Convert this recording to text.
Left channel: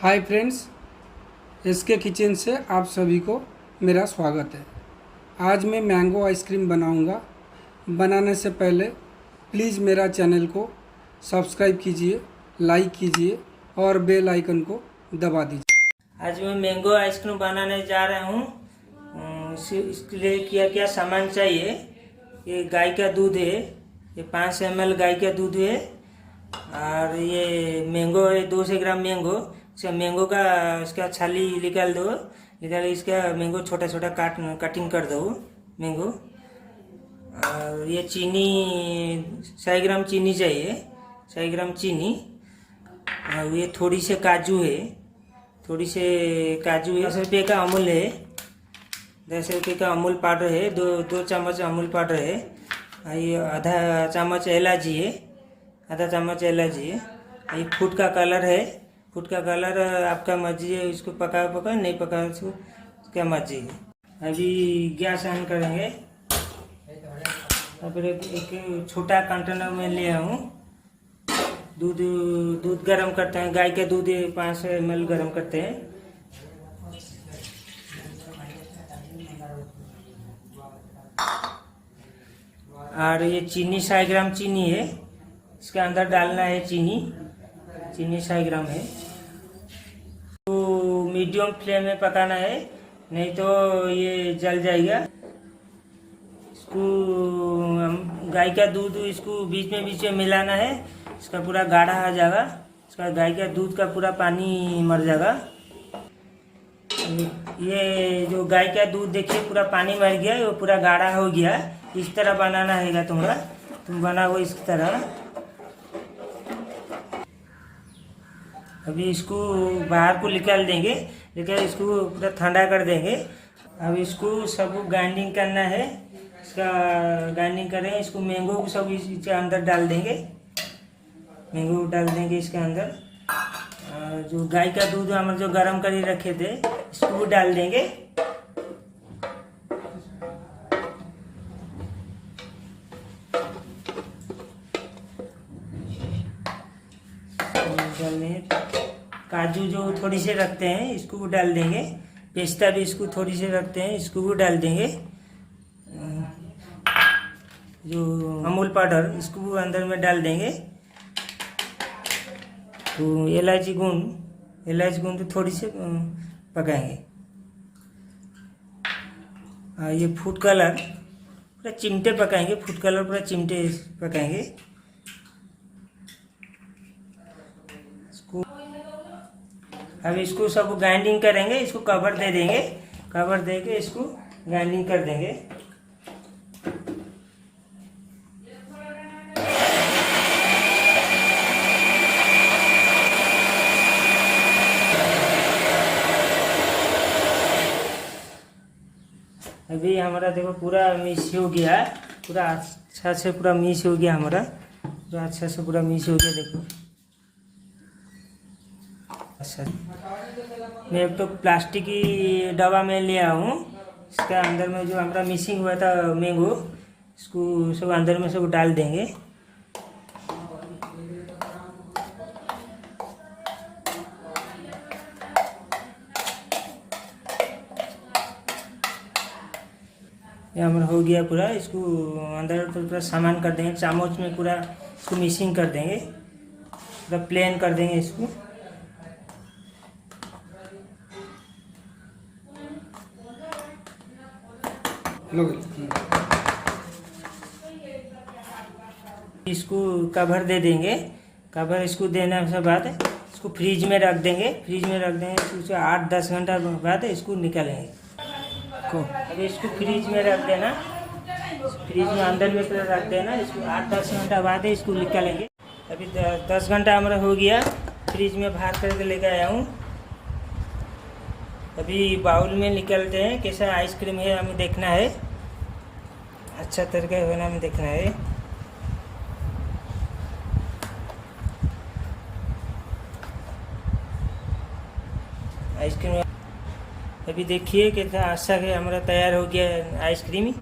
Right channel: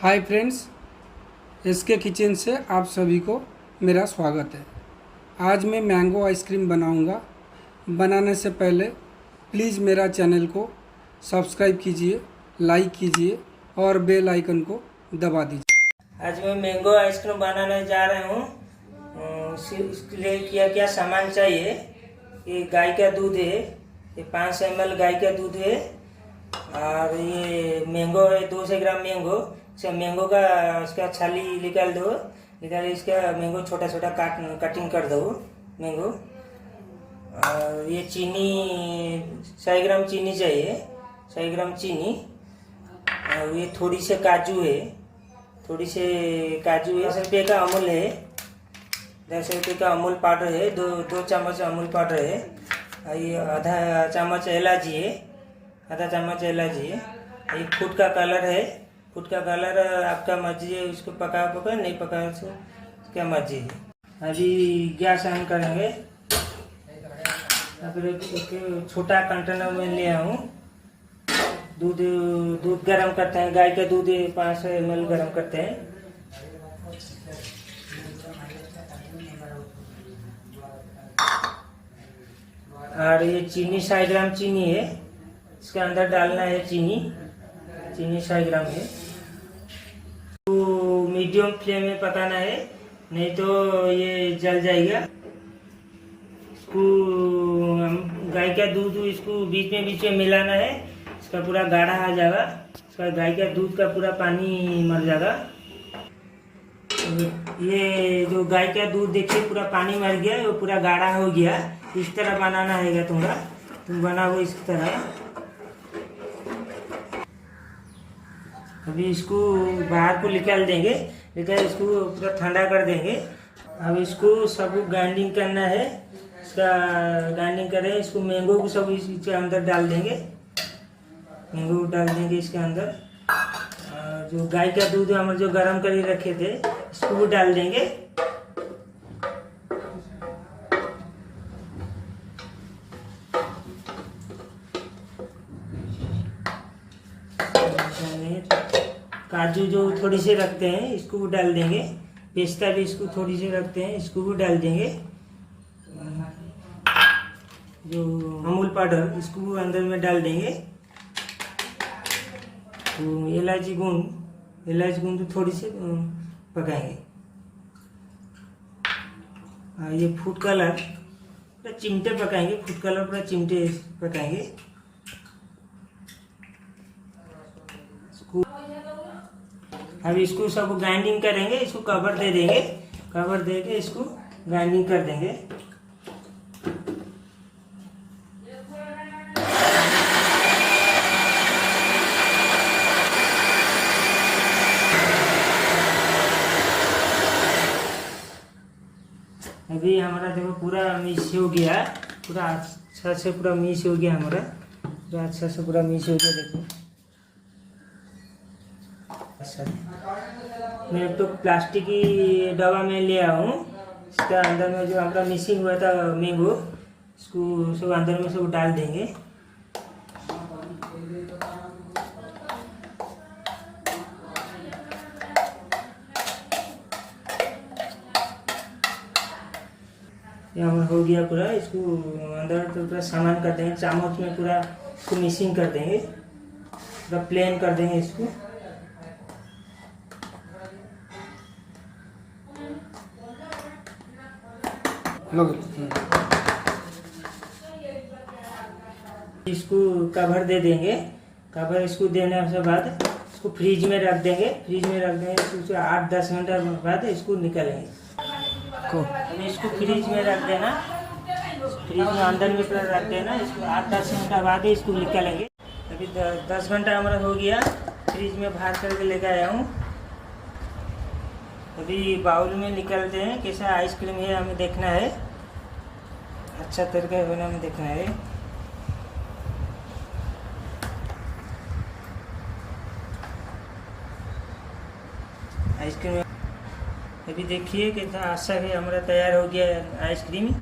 Hi friends, SK kitchen से आप सभी को मेरा स्वागत है। आज मैं मैंगो आइसक्रीम बनाऊंगा। बनाने से पहले प्लीज़ मेरा चैनल को सब्सक्राइब कीजिए, लाइक कीजिए और बेल आइकन को दबा दीजिए। आज मैं मैंगो आइसक्रीम बनाने जा रहा हूँ। इसके लिए क्या क्या सामान चाहिए। ये गाय का दूध है, ये 5 ml गाय का दूध है। और ये मैंगो है 200 ग्राम मैंगो। मैंगो का इसका छाली निकाल दो, इसका मैंगो छोटा छोटा कटिंग कर दो मैंगो। और ये चीनी 100 ग्राम चीनी चाहिए, 100 ग्राम चीनी। और ये थोड़ी से काजू है, 10 रुपये का अमूल है, 10 रुपये का अमूल पाउडर है, दो चम्मच अमूल पाउडर है। ये आधा चम्मच इलायची है, आधा चम्मच इलायची है। ये फूड का कलर है, फूड का कलर आपका मर्जी है, इसको पका नहीं पका क्या मर्जी है। अभी गैस ऑन करेंगे। फिर एक छोटा कंटेनर में ले आऊँ। दूध गरम करते हैं, गाय का दूध 5 ml गरम करते हैं। और ये चीनी 100 ग्राम चीनी है, इसके अंदर डालना है चीनी 100 ग्राम है। तो मीडियम फ्लेम में पकाना है, नहीं तो ये जल जाएगा। इसको गाय का दूध इसको बीच में मिलाना है, इसका पूरा गाढ़ा आ जाएगा, इसका गाय का दूध का पूरा पानी मर जाएगा। ये जो गाय का दूध देखिए पूरा पानी मर गया, वो पूरा गाढ़ा हो गया। इस तरह बनाना है तुम बनाओ इस तरह। अभी इसको बाहर को निकाल देंगे, लेकिन इसको पूरा ठंडा कर देंगे। अब इसको सब ग्राइंडिंग करना है, इसका ग्राइंडिंग करें। इसको मैंगो को सब इसके अंदर डाल देंगे, मैंगो डाल देंगे इसके अंदर। जो गाय का दूध हम जो गर्म कर रखे थे इसको भी डाल देंगे। काजू जो थोड़ी से रखते हैं इसको भी डाल देंगे, पिस्ता भी इसको थोड़ी से रखते हैं इसको भी डाल देंगे। जो अमूल पाउडर इसको भी अंदर में डाल देंगे। तो इलायची गुंद तो थोड़ी से पकाएंगे। ये फूड कलर पूरा चिमटे पकाएंगे, फूड कलर पूरा चिमटे पकाएंगे। अब इसको सब ग्राइंडिंग करेंगे, इसको कवर दे देंगे, कवर दे के इसको ग्राइंडिंग कर देंगे। अभी हमारा देखो पूरा मिक्स हो गया, पूरा अच्छा से पूरा मिक्स हो गया हमारा, पूरा अच्छा से पूरा मिक्स हो गया। देखो अच्छा, मैं तो प्लास्टिक की डब्बा में ले आया हूँ। इसके अंदर में जो हमारा मिक्सिंग हुआ था मैंगो, इसको सब अंदर में सब डाल देंगे। ये हमारा हो गया पूरा। इसको अंदर तो पूरा सामान कर देंगे, चामच में पूरा इसको मिक्सिंग कर देंगे, पूरा प्लेन कर देंगे इसको। इसको कवर दे देंगे, कवर इसको देने के बाद इसको फ्रिज में रख देंगे, इसको 8-10 घंटा बाद इसको निकालेंगे। अभी इसको फ्रिज में रख देना, फ्रिज में अंदर में पूरा रख देना। इसको 8-10 घंटा बाद इसको निकालेंगे। अभी 10 घंटा हमारा हो गया, फ्रिज में बाहर करके लेकर आया हूँ। अभी बाउल में निकालते हैं, कैसा आइसक्रीम है हमें देखना है, अच्छा तरीके होना हमें देखना है। आइसक्रीम अभी देखिए कितना अच्छा है हमारा तैयार हो गया आइसक्रीम।